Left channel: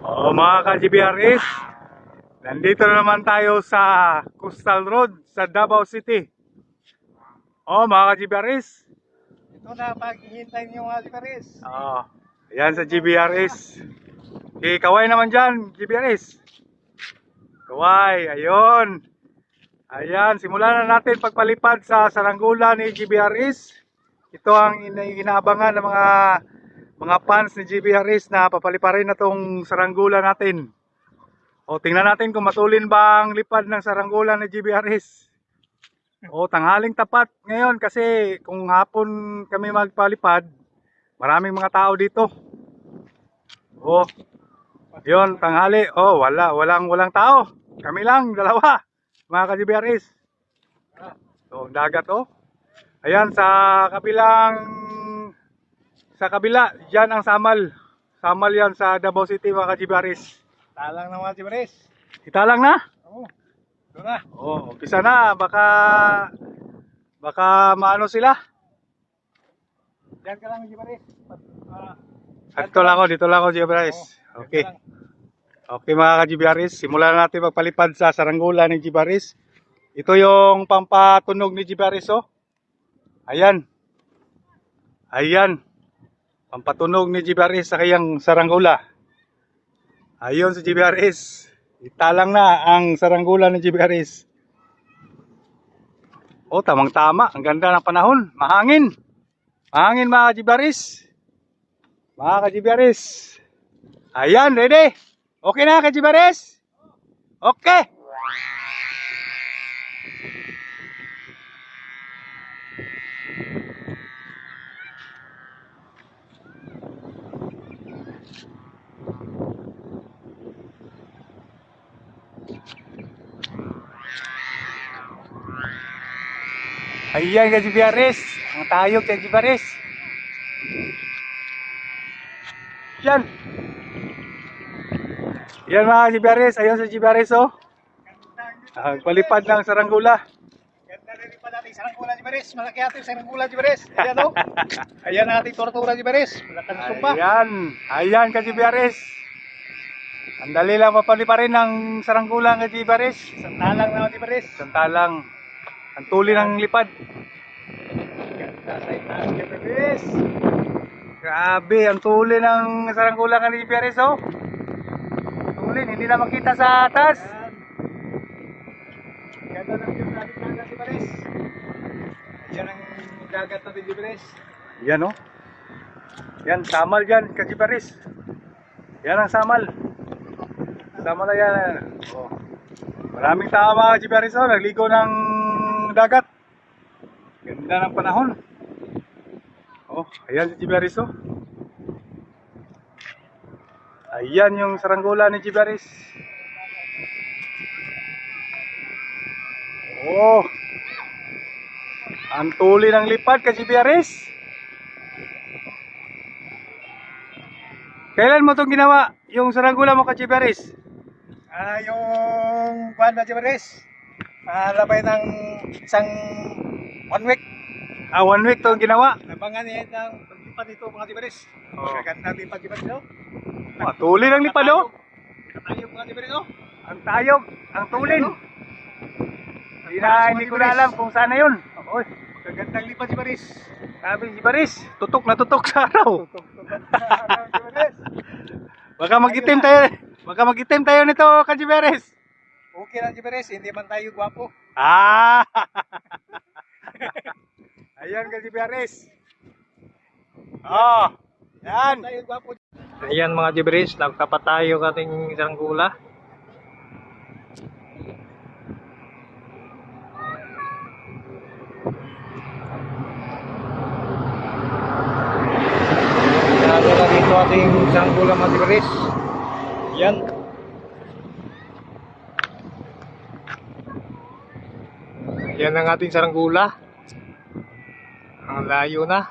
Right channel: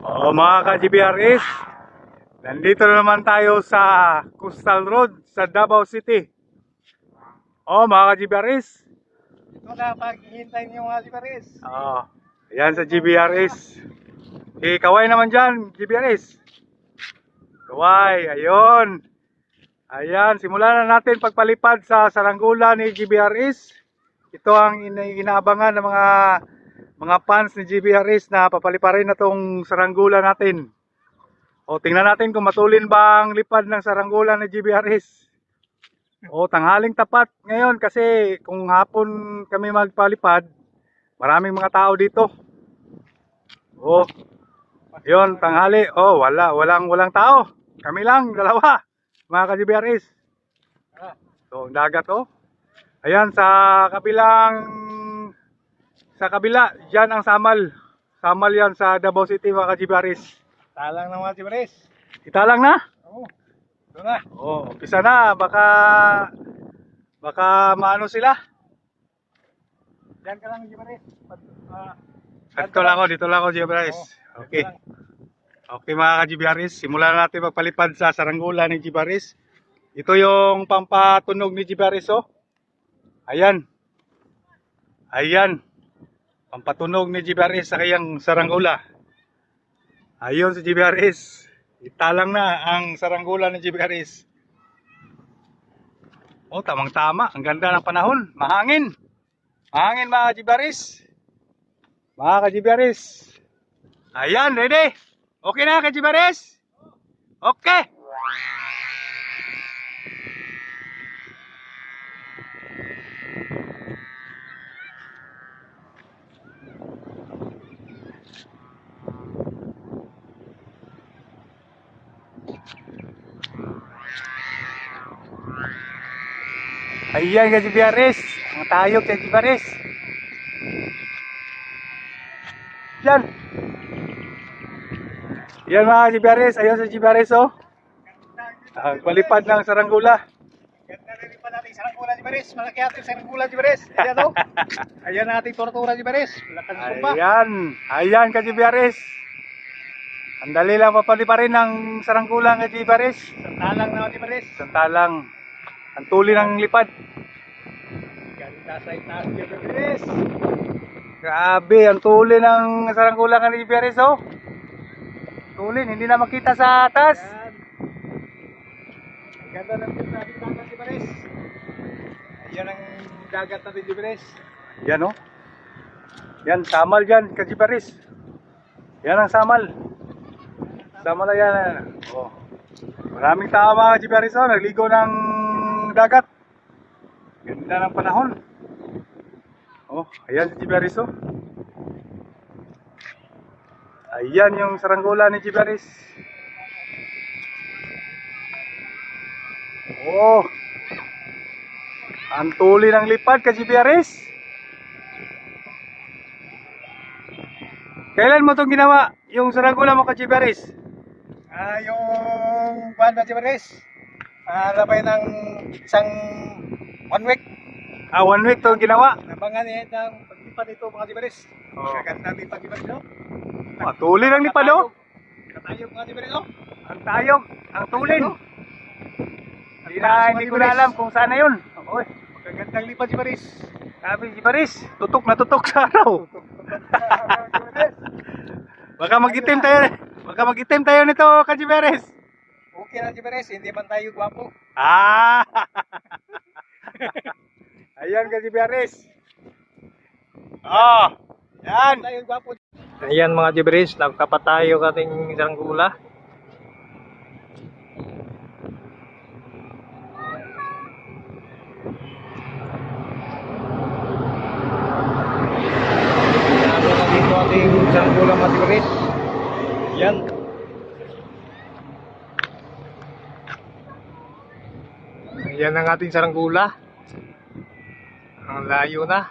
O mga ka-GBRS, nandito na naman tayo sa Coastal Road sa Davao City. O mga ka-GBRS, Ito na paghihintay niyo mga GBRS. ayan sa GBRS. Kaway naman dyan, GBRS. Kaway, ayun. Ayan, simulan na natin pagpalipad sa saranggula ni GBRS. Ito ang inaabangan ng mga fans ni GBRS na papaliparin na tong saranggula natin. O tingnan natin kung matulin ba ang lipad ng saranggula ni GBRS. O tanghaling tapat ngayon kasi kung hapon kami magpalipad, maraming mga tao dito. O, yun, tanghali. O, walang tao. Kami lang, dalawa. Mga ka-GBRS. So, ang dagat oh. Ayan, sa kabila, dyan ang Samal. Samal yan sa Davao City, mga ka-GBRS. Talang na mga GBRS. Kita lang na? Oo. Ito na. Oh, umpisa na. Baka maano sila. Diyan ka lang GBRS. Dito lang ako, GBRS. Okay. Okay mga ka-GBRS, simulan natin magpalipad sa saranggula ni GBRS. Ito yung pampatunog ni GBRS oh. Ayan. Ayan. Pampatunog ni GBRS sa kayang saranggula. Ayun si GBRS. Italang na ang saranggula ni GBRS. Oh, tamang-tama. Ang ganda ng panahon. Mahangin. Mahangin mga ka-GBRS. Mga ka-GBRS. Ayan, ready? Okay na ka-GBRS? Okay. Ayan ka-GBRS. Ang tayog ka-GBRS. Yan. Yan mga GBRS, ayun sa GBRS oh. Palipad ng saranggula. Ganda rin pa natin saranggula GBRS. Malaki ating saranggula GBRS. Ayan o. Ayan nating tortura GBRS. Ayan ka GBRS. Ang dali lang papaliparin ng saranggula ka GBRS. Santalang na GBRS. Santalang. Ang tuli ng lipad. Ganda sa itang GBRS. Grabe, ang tuli ng saranggula ka GBRS oh. Tulin, hindi na makita sa atas. Ganda ng dagat GBRS. Ayan ang dagat natin GBRS. Yan oh. Yan, Samal dyan, ka-GBRS. Yan ang Samal. Samal na yan. Oh. Maraming tao mga GBRS oh, nagligo ng dagat. Ganda ng panahon. Oh, ayan si GBRS oh. Ayan yung saranggula ni GBRS. Oh. Ang tuli ng lipad ka GBRS. Kailan mo itong ginawa? Yung saranggula mo ka GBRS? Yung buwan na GBRS. Labay ng isang 1 week. 1 week itong ginawa. Labangan niya ng paglipad nito mga GBRS. Oh. Ganda lipad GBRS no? Tuli ng lipad oh. Katayog mga GBRS no? Ang tayog, ang tulin. Hindi ko na alam kung saan na yun. Oy, Gandang lipad GBRS. sabi GBRS, tutok na tutok sa araw. Baka mag-itim tayo. Baka mag-itim tayo nito ka GBRS. Okay na GBRS, hindi man tayo gwapo. Ayan ka GBRS. Oh, yan. Tayo gwapo. Ayan mga GBRS, nagkapatayo kating saranggula. Lalo na dito ating saranggula mga GBRS. Yan. Ayan ang ating saranggula. Ang layo na.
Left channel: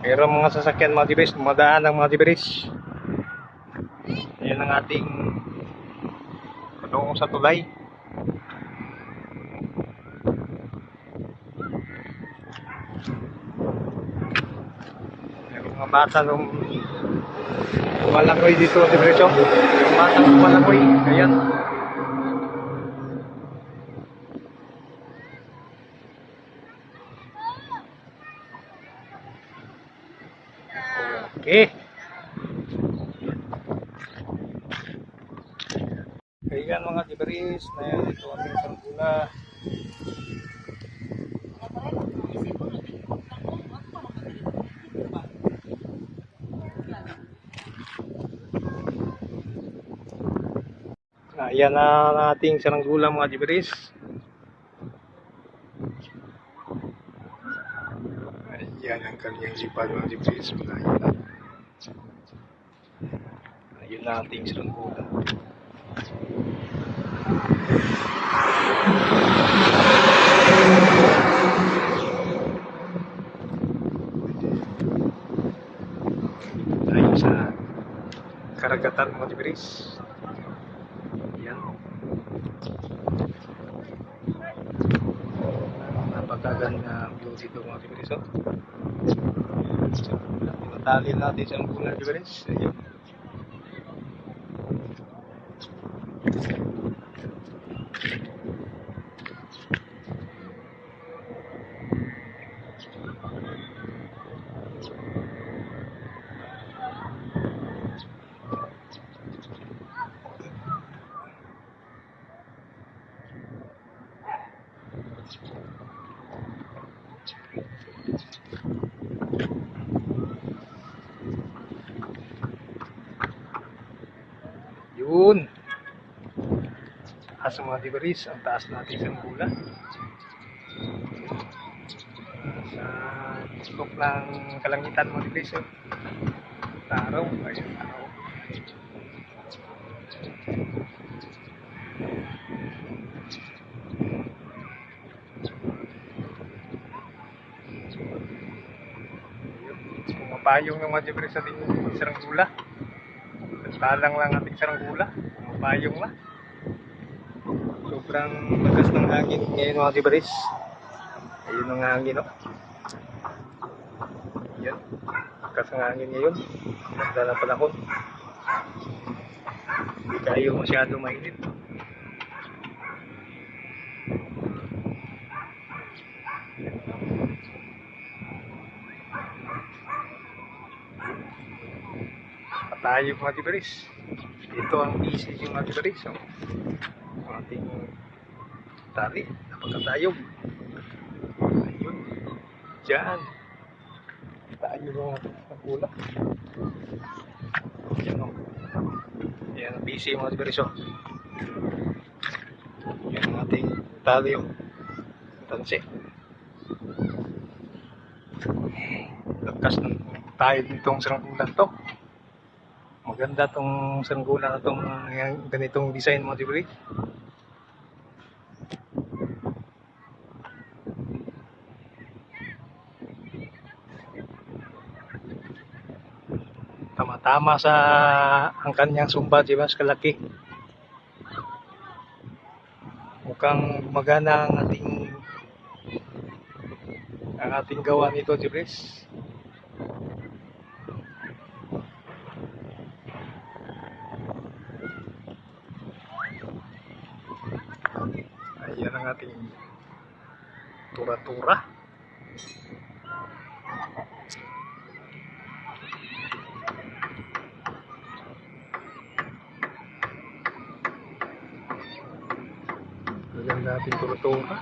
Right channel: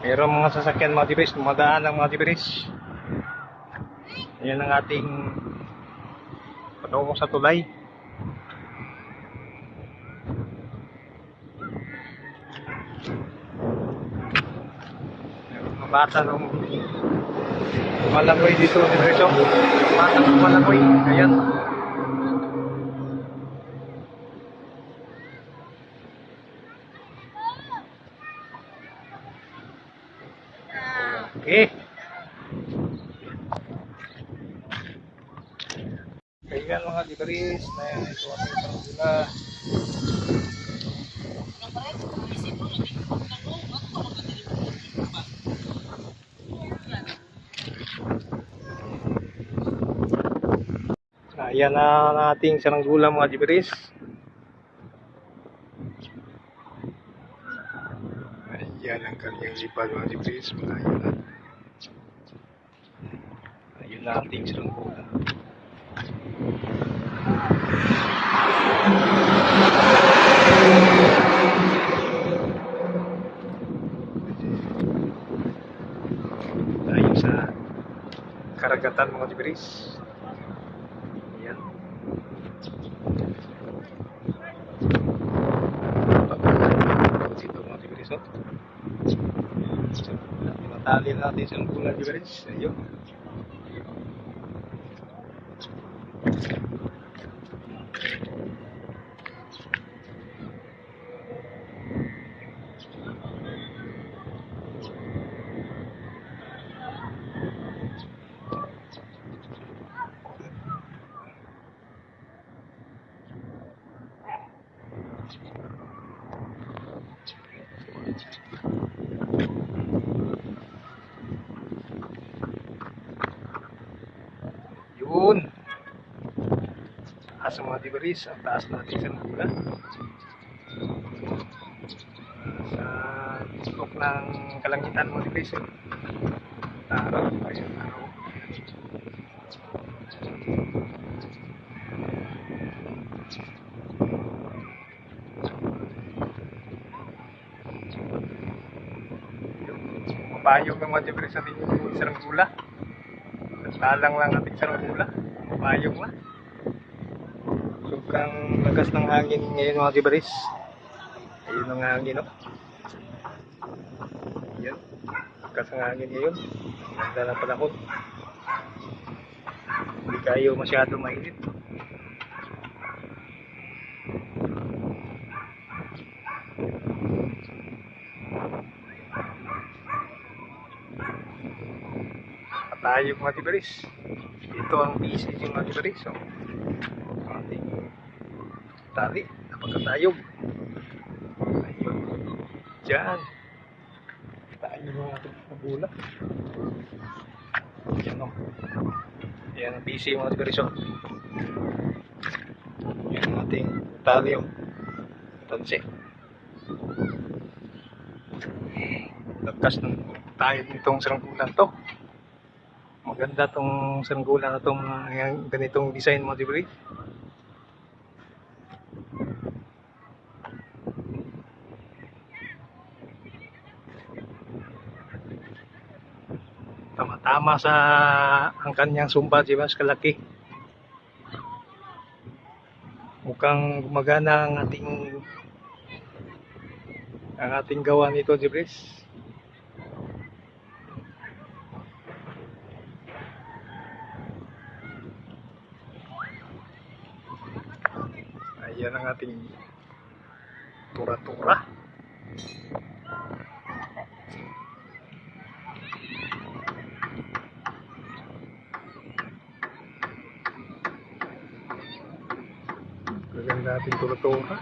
Meron mga sasakyan mga GBRS, dumadaan ng mga GBRS. Ayan ang ating patungo sa tulay. bata nung malangoy dito sa Bridge. Yung batang malangoy, ayan. Okay. Kaigan mga kibaris, na yan ito ating sanggula. Ayan na ang ating saranggola mga kibaris. Ayan ang kanyang sipad mga kibaris. Ayan na. Ayan na ating saranggola. Ayan sa karagatan mga kibaris. Ayan. Dito mga kibaris. Matali natin sa bulan kibaris. Ayan. Yun. Asa mga kibaris, ang taas natin sa bulan. Tuktok ng kalangitan mga kibaris. Taro, ayun tao. Pumapayong ng mga kibaris sa ating saranggola. Talang lang ating saranggola. Pumapayong lang. Sobrang lakas ng hangin ngayon mga kibaris. Ayun ang hangin, no? Yan. Lakas ng hangin ngayon. Ganda na panahon. Hindi kayo masyado mainit. Patayog mga kibaris. Ito ang busy yung mga kibaris. So, ating tali. Napagkatayog. Ayun. Diyan. Tayo mga nagula. Yan o. Yan ang busy mga kibaris. Yan ang ating tali o. Tansi. Lakas ng tayog nitong saranggola to. Maganda tong saranggola na tong ganitong design mga kibaris. Tama-tama sa ang kanyang sumpa, diba? Kalaki. Mukhang gumagana ang ating gawa nito, Jibris. Ayan ang ating tura-tura. Maganda ating tura-tura.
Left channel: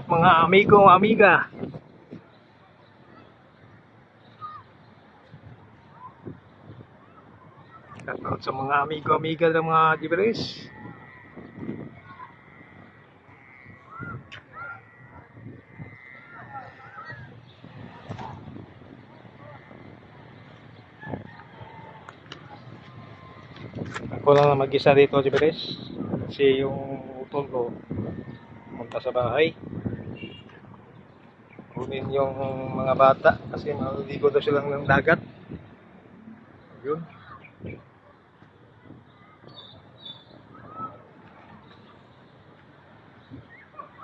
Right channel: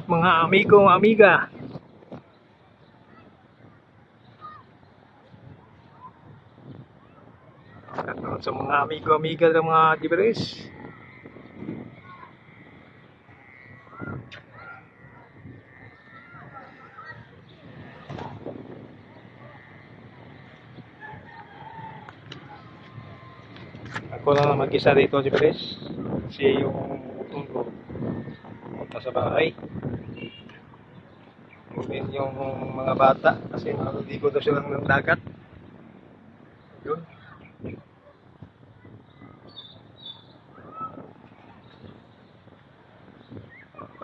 out mga amigo, amiga. Shout out sa mga amigo, amiga ng mga Giberes. Ako lang mag-isa rito, Giberes. Kasi yung utol ko punta sa bahay. Kunin yung mga bata kasi maliligo daw silang ng dagat. Yun.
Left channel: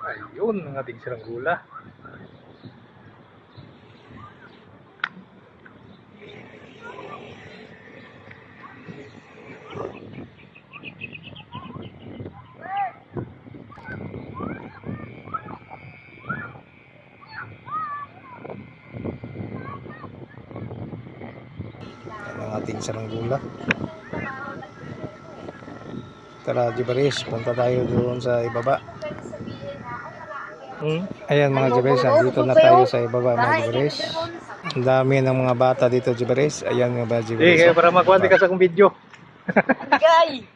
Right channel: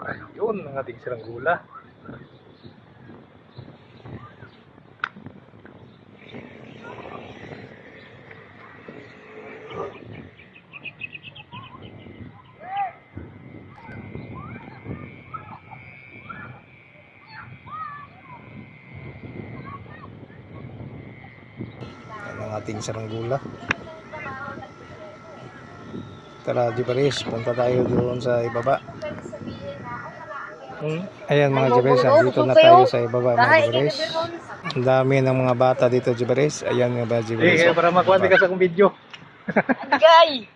Ayun ang ating saranggula. Yan ang ating saranggula. Tara, Giberes, punta tayo doon sa ibaba. Ayan mga Giberes, dito na tayo sa ibaba mga Giberes. Ang dami ng mga bata dito, Giberes. Ayan nga ba, Giberes? Kaya para makuha ka sa kong video. Agay!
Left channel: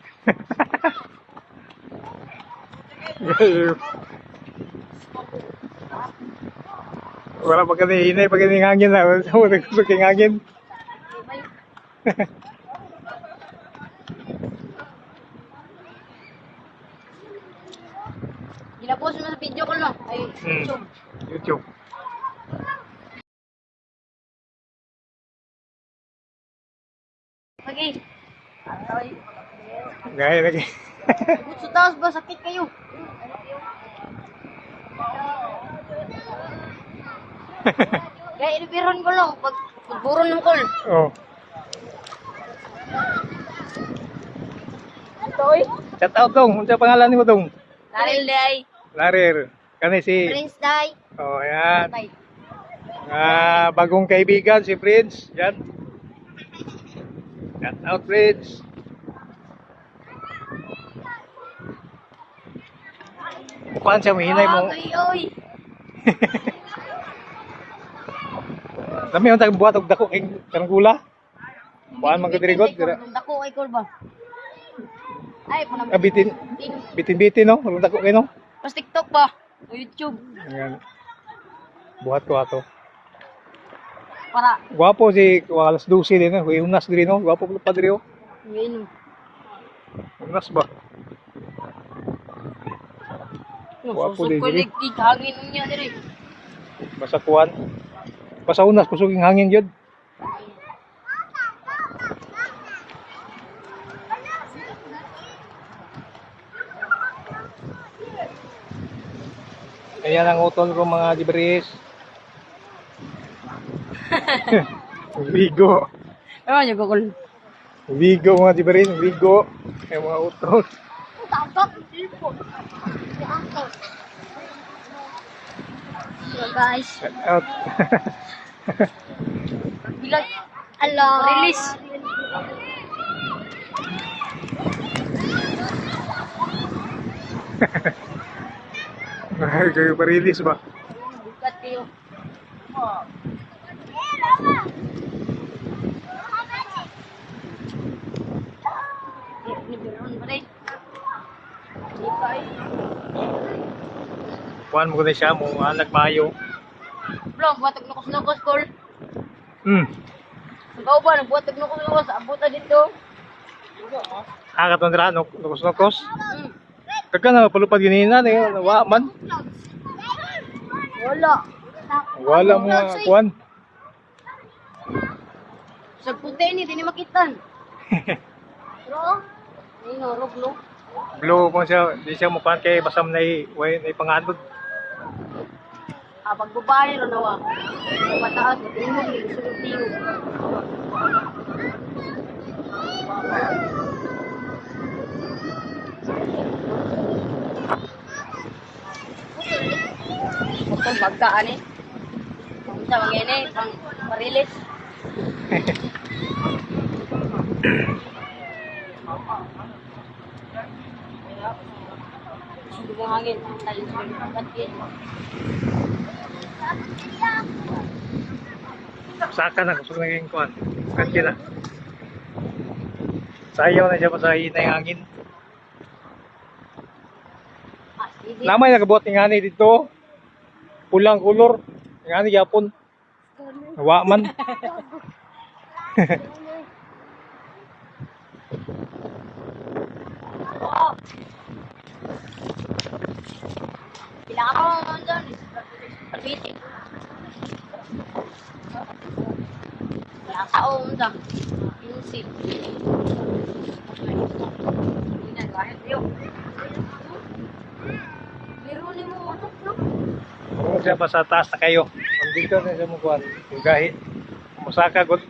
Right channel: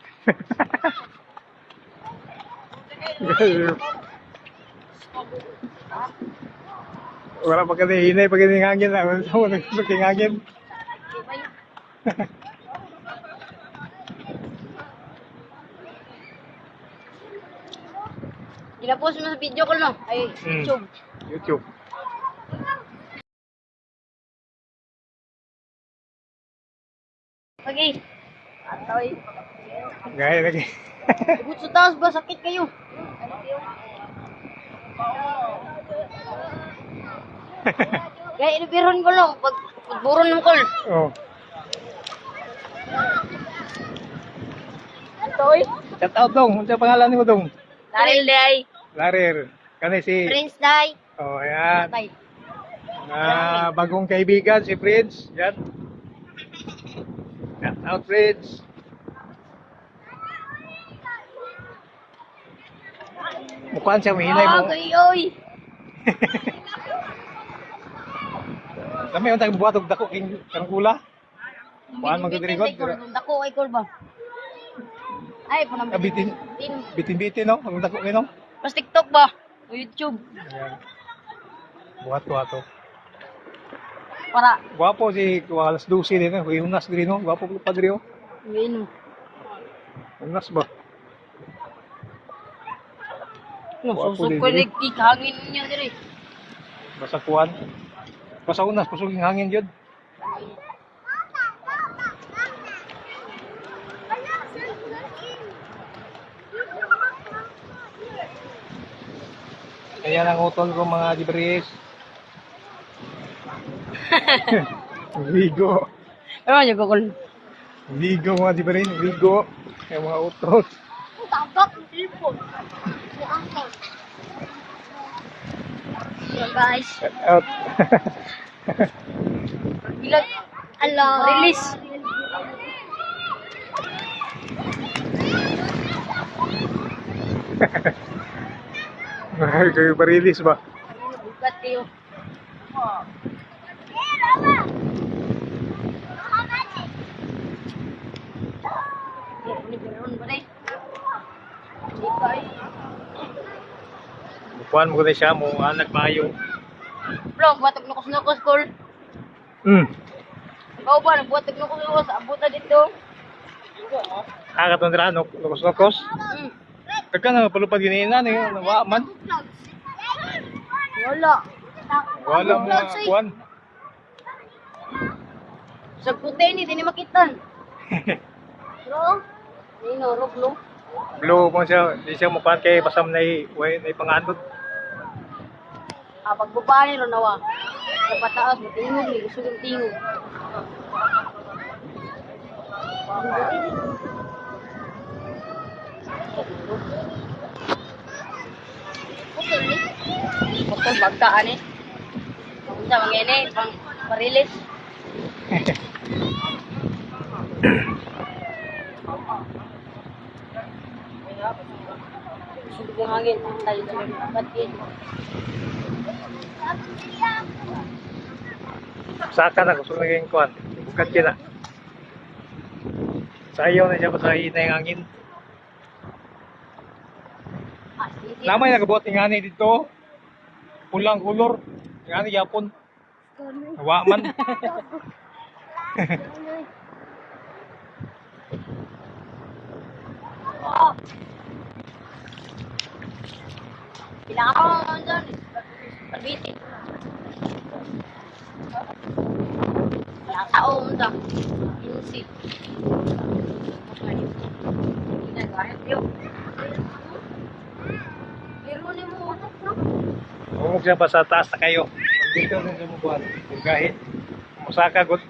Wala pa ka hinay pag hangin na. Wala pa hangin. Ginapos mo sa video ko no? Ay, YouTube. YouTube. Okay. Ay, Gaya lagi. tubig sa taas ba? Sakit kayo. Kaya inabiron ko lang. Pagburon ng call. Oh. Ito oy. Shout out dong. Unsa pangalan mo dong? Dahil day. Larir. Kani si Prince day. Oh, ayan. Tay. Bagong kaibigan si Prince. Yan. Shout out Prince. Mukhang siya mahinay mo. Oy, oy. Dami yung tayong buhat og dako king karanggula. Buhan man kadirigot. Dako ay call ba? Ay, punang Bitin. Bitin-bitin no. Ang dako kay no. Pas TikTok ba? O YouTube. Ayan. Buhat ko ato. Para. Gwapo si alas 12 din eh. Unas diri no. Gwapo pa diri oh. Ngayon. Unas ba? Gwapo din diri. Kolektik. Hangin niya diri. Basta kuan. Basta unas kusuging hangin jud. Ayan ang utol ko mga Giberes. Vigo. Ano niya gagol? Vigo mga Giberes. Vigo. Yung mga utol. Tabak tipo. So guys, Shout out. bilag. Ala, release. Kayo pa-release ba? Bukat kayo. Kuhan mo na siya mo. Anak mayo. Bro, buhatag nukos-nukos tol. Ikaw ba, nagbuhatag nukos-nukos. Abuta dito. Akat ng dira. Nukos-nukos. Kaka na palupad ganina. Nawa man. Wala. Wala mo kuhan. Sa puti ni, di ni makitan. Bro, ay norog no. Blue mo siya. Di siya mukuhan kay basam na pangandot. Pagbabali ro nawa. Mataas, matulog, gusto ng tingog. Putol bagtaan eh. Punta mangene pang marilis. Sunog ang hangin. Tayo na lang. Ba't yun? Saka na, gusto naging kuhan. Kadya na. Sayaw na siya, pasahin na yung hangin. Lamay nakabuhat ng ngani dito. Pulang kulor. Ngani yapon. Hawa man. Pinaka mo naman dyan. Pagbitin. Nakaong dam. Ilusip. Meron ni mo anak na. Kung siya ba sa taas na kayo. Kung dito na siya mo kuhan. Kung gahi. Kung masaka god.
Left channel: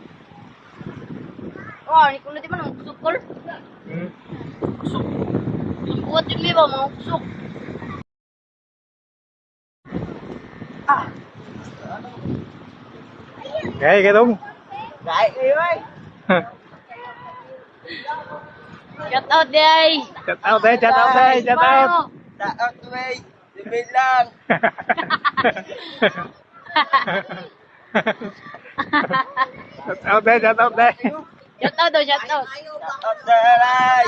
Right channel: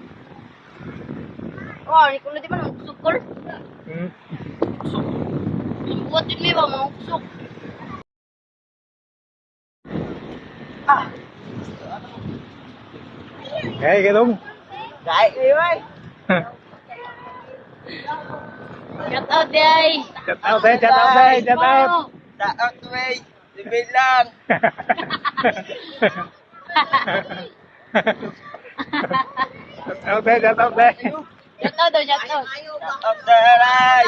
Oh, hindi ko na di ba nang kusok ko? Hmm. Ang buhat din may ba mga kusok? Gahi ka dong. Dahil kayo ay. Shout out, day! Shout out eh, shout out eh, shout out. Taot way. Limit lang. Shout out eh, shout out eh. Shout out, shout out. Taot daray.